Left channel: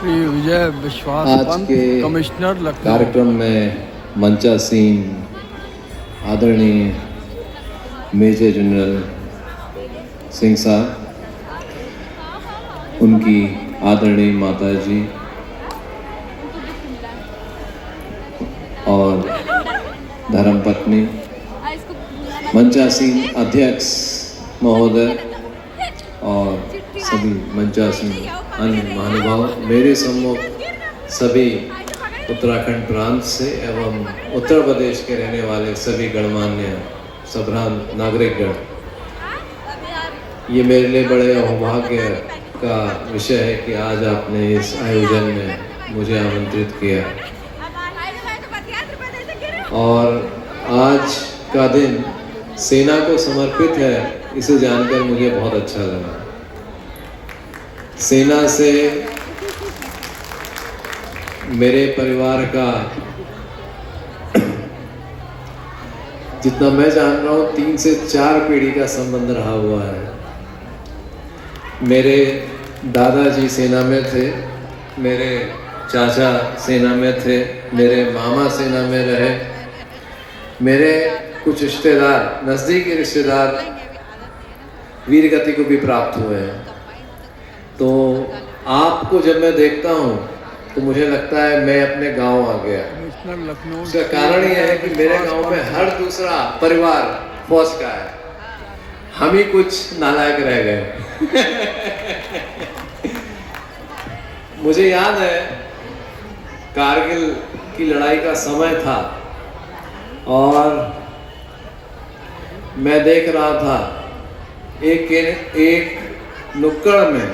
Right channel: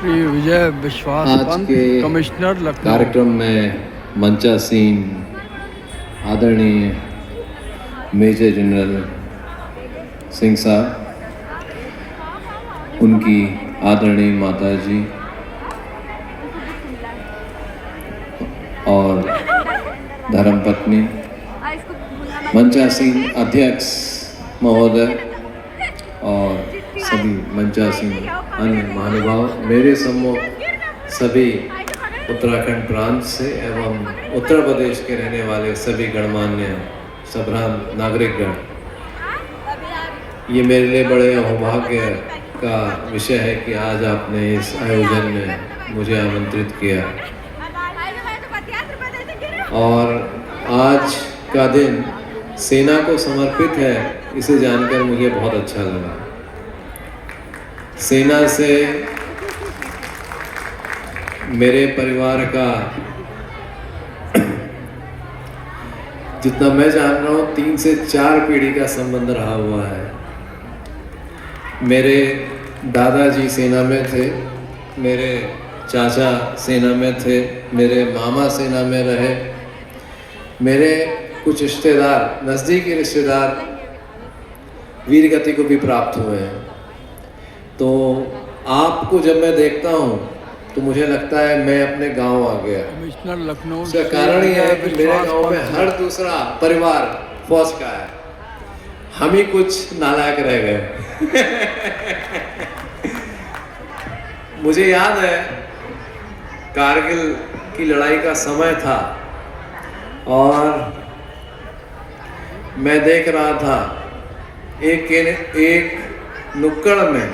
श्री विजय विश्वास आज पंत, के कमिश्नर लखनऊ। कार्यक्रम में मंचासीन आदरणीय मेजर जनरल सिंह साहब, उनकी आदरणीय माता जी और धर्मपत्नी, मंचासीन अध्यक्ष महोदय और सभी मंचासीन अन्य महानुभाव, मेरे सम्मुख सभी उत्तराखंड प्रांत से एवं उत्तर प्रदेश के रहने वाले सभी गणमान्य सभ्रांत नागरिकगण, ये मेरे लिए बड़े सौभाग्य का विषय है कि आज आपने इस आयोजन में मुझे आमंत्रित किया और आज का दिन सेना को समर्पित है, इसे जानकर मुझे बहुत अच्छा लगा। सेना से मेरे परिवार का जितना मैं जान रहा हूँ 3 से 4 पीढ़ी का संबंध रहा हुआ है। मेरे दादाजी सेना में थे, मेरे चाचा सेना में थे, मेरे मामा सेना में रहे, मेरे कुछ रिश्तेदार, नज़दीकी रिश्तेदार वीर गति को भी प्राप्त हुए हैं। तो आपको जब मैं देखता हूँ तो मुझे लगता है मैं अपने गांव आ गया। कमिश्नर लखनऊ। उसका कारण यह है कि मेरे गांव में हर दूसरा परिवार फौज का है, हम ही कुछ नालायक रह गए। मुझे याद है कारगिल की लड़ाई का समय था और मैं देख रहा था एक नुक्कड़ में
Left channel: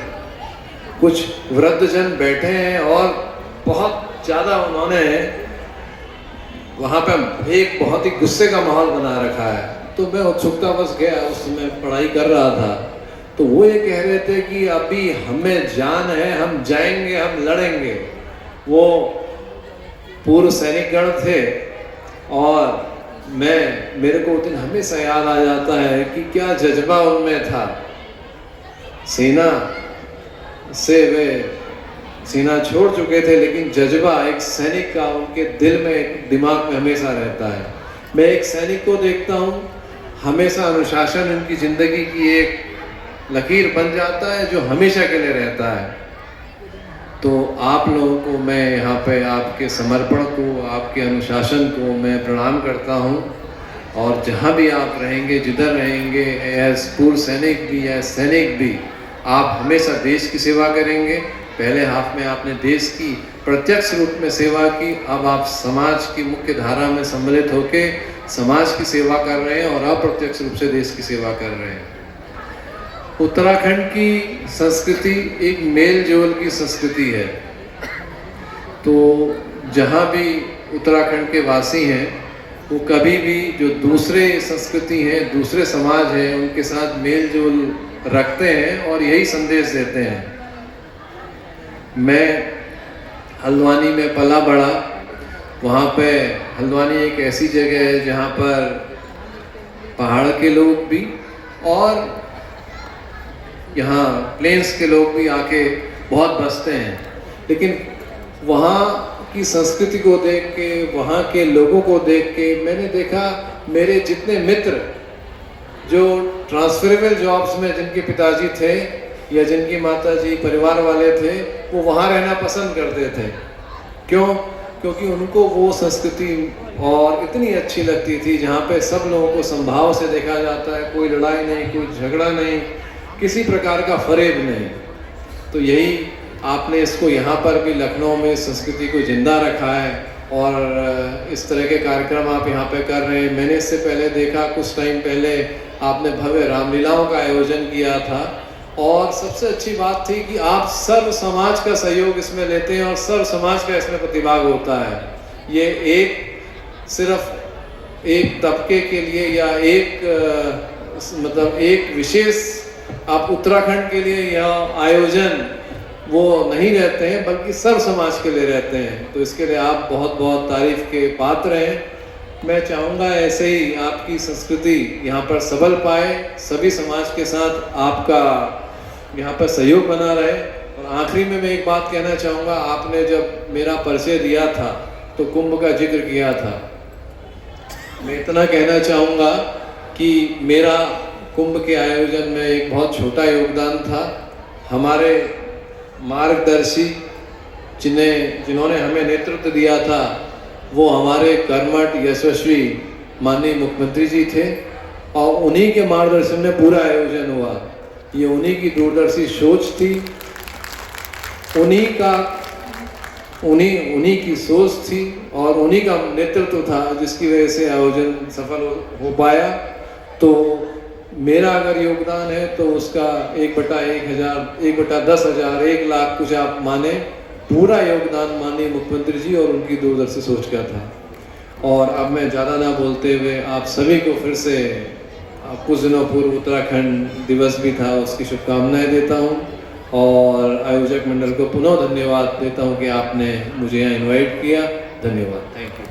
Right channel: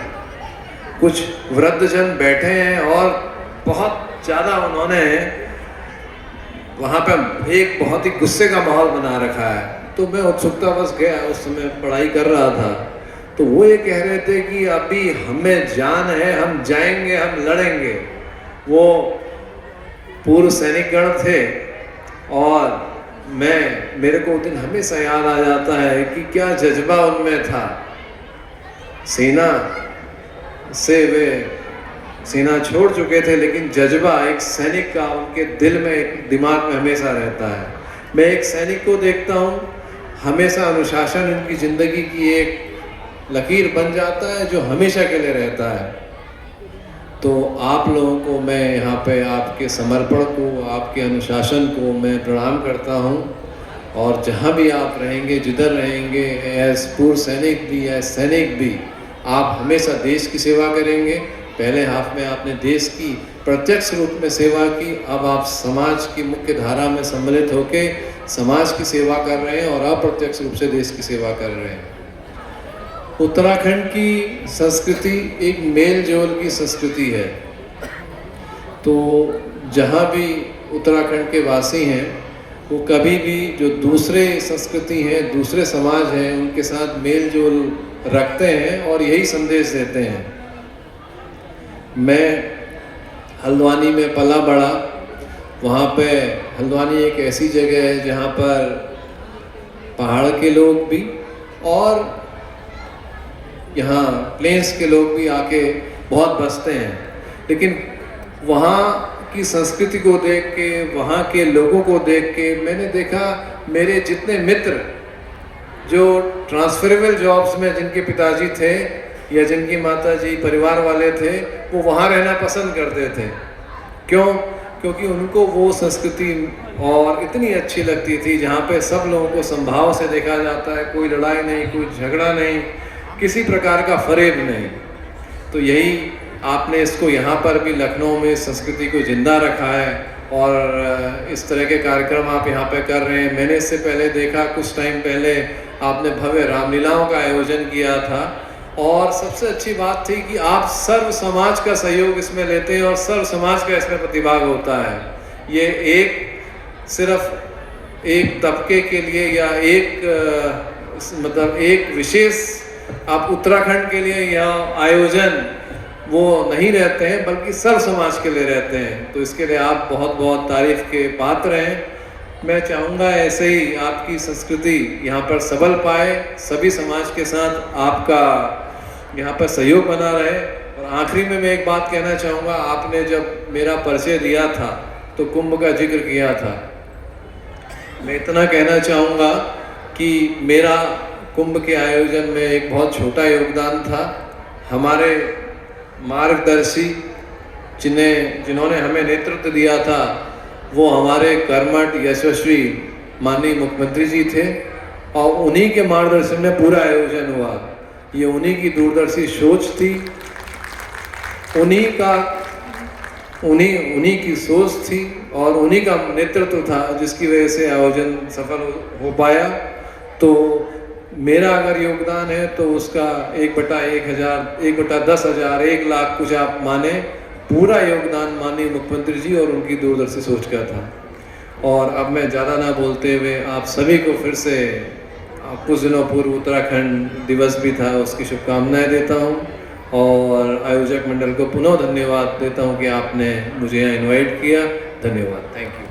कुछ वृद्धजन बैठे हैं और बहुत ज़्यादा उन्होंने वहाँ पर एक बहुत ही गुस्से का माहौल बना रखा है। तो मैं उत्सुकतावश गया, उस समय पढ़ाई कर रहा था, तो वो ये कह रहे थे कि अभी हमें जान है, हम जाएंगे, हम लड़ेंगे। वो पूर्व सैनिकगण थे और मेरे को दिन हमेशा याद आ जाता है कि क्या जज्बा उनमें था। सेना से वे सेना छोड़ चुके थे, लेकिन जज्बा एक सैनिक का उनके दिल में, दिमाग में हमेशा रहता है। मैं एक सैनिक को देखता हूँ, हमेशा अनुशासन उनकी ज़िंदगी की एक लकीर बन जाता है जो हमेशा के लिए रहता है। तो आप लोगों को मैं यहाँ पे आपके समर्पण को, आपके अनुशासन को मैं प्रणाम करता हूँ। और जहाँ भी आप रहेंगे, जिधर रहेंगे, एज पूर्व सैनिक भी, एज सैनिक भी, आप हमेशा देश की सेवा करेंगे। पहले हाफ में आपने देश की प्रत्यक्ष रूप में सेवा की, अब आप समाज की मुख्य धारा में सम्मिलित होकर समाज की सेवा कर रहे हैं और अप्रत्यक्ष रूप से देश की सेवा कर रहे हैं। उत्तराखंड की संस्कृति एक मेल जोल की संस्कृति है। तो जहाँ भी उत्तराखंड के वासी हैं, वो कभी भी जो दूसरे संस्कृति हैं, दूसरे समाज हैं, उनके साथ मेल जोल रखते हैं और यही संदेश देते हैं। मैं हल्द्वानी में पला बड़ा, वहाँ पे हल्द्वानी एक ऐसी जगह है जहाँ पर पहाड़ के लोग भी और यहाँ प्लेन्स के लोग भी आके बहुत बसते हैं। लेकिन वहाँ की संस्कृति को देख के, वहाँ के लोगों को देख के मैंने देखा, मेरे जितने मित्र जो ट्रांसफरेबल जॉब्स में जिनके पिताजी थे या जिनकी माताजी परिवार वाले थे, वो वहाँ रहना पसंद करते थे। क्यों? क्योंकि उनको वो संस्कृति और इतनी अच्छी लगती थी जहाँ पे सब लोगों को समभाव से देखा जाता है, कोई लड़ाई नहीं, कोई झगड़ा नहीं, किसी प्रकार का फरेब नहीं। तो यही आपने इसको यहाँ पर भी लखनऊ में संस्कृति को जिंदा रखा है और इस तरह के कार्यक्रम आप यहाँ पे कर रहे हैं। मैंने इससे पहले देखा, कुछ टाइम पहले आपने भव्य रामलीलाओं का आयोजन किया था और सबसे अच्छी बात थी कि आप सर्व समाज का सहयोग इसमें लेते हैं और सर्व समाज का इसमें प्रतिभाग होता है। ये सिर्फ एक तबके के लिए या एक विशेष आप उत्तराखंड के लिए यहाँ आयोजन वो नहीं रहते हैं, बल्कि सर्व समाज के लिए रहते हैं। तो इसके लिए आप बहुत बहुत तारीफ के पात्र हैं। मैं चाहूँगा ऐसे ही आपकी संस्कृति यहाँ पर सबल पाए, सभी समाज के साथ आपका यहाँ पर सहयोग बना रहे और आखिरी में मैं एक बात कहना चाहूँगा, आपने जब मेरा परिचय दिया था तो कुंभ का जिक्र किया था। मैं इतना कहना चाहूँगा कि मेरा कुंभ के आयोजन में एक बहुत छोटा योगदान था। हमारे मार्गदर्शी जिन्होंने हमें नेतृत्व दिया था वो हमारे कर्मठ यशस्वी माननीय मुख्यमंत्री जी थे और उन्हीं के मार्गदर्शन में पूरा आयोजन हुआ। ये उन्हीं की दूरदर्शी सोच थी, उन्हीं की सोच थी और उन्हीं का नेतृत्व था जिसकी वजह से आयोजन सफल हो पाया। तो मेरा अगर योगदान है तो उसका 1/1000, 1/10,000, 1 लाख कुछ आप माने, पूरा योगदान माननीय मुख्यमंत्री जी और उनकी दूरदर्शी सोच का था। और अब मैं ज़्यादा ना बोलते हुए आप सभी को फिर से कुछ दिनों पूर्व उत्तराखंड दिवस भी था, उसकी शुभकामनाएं देता हूं और आयोजक मंडल को पुनः धन्यवाद देता हूं कि आपने मुझे यहाँ इनवाइट किया। धन्यवाद, थैंक यू।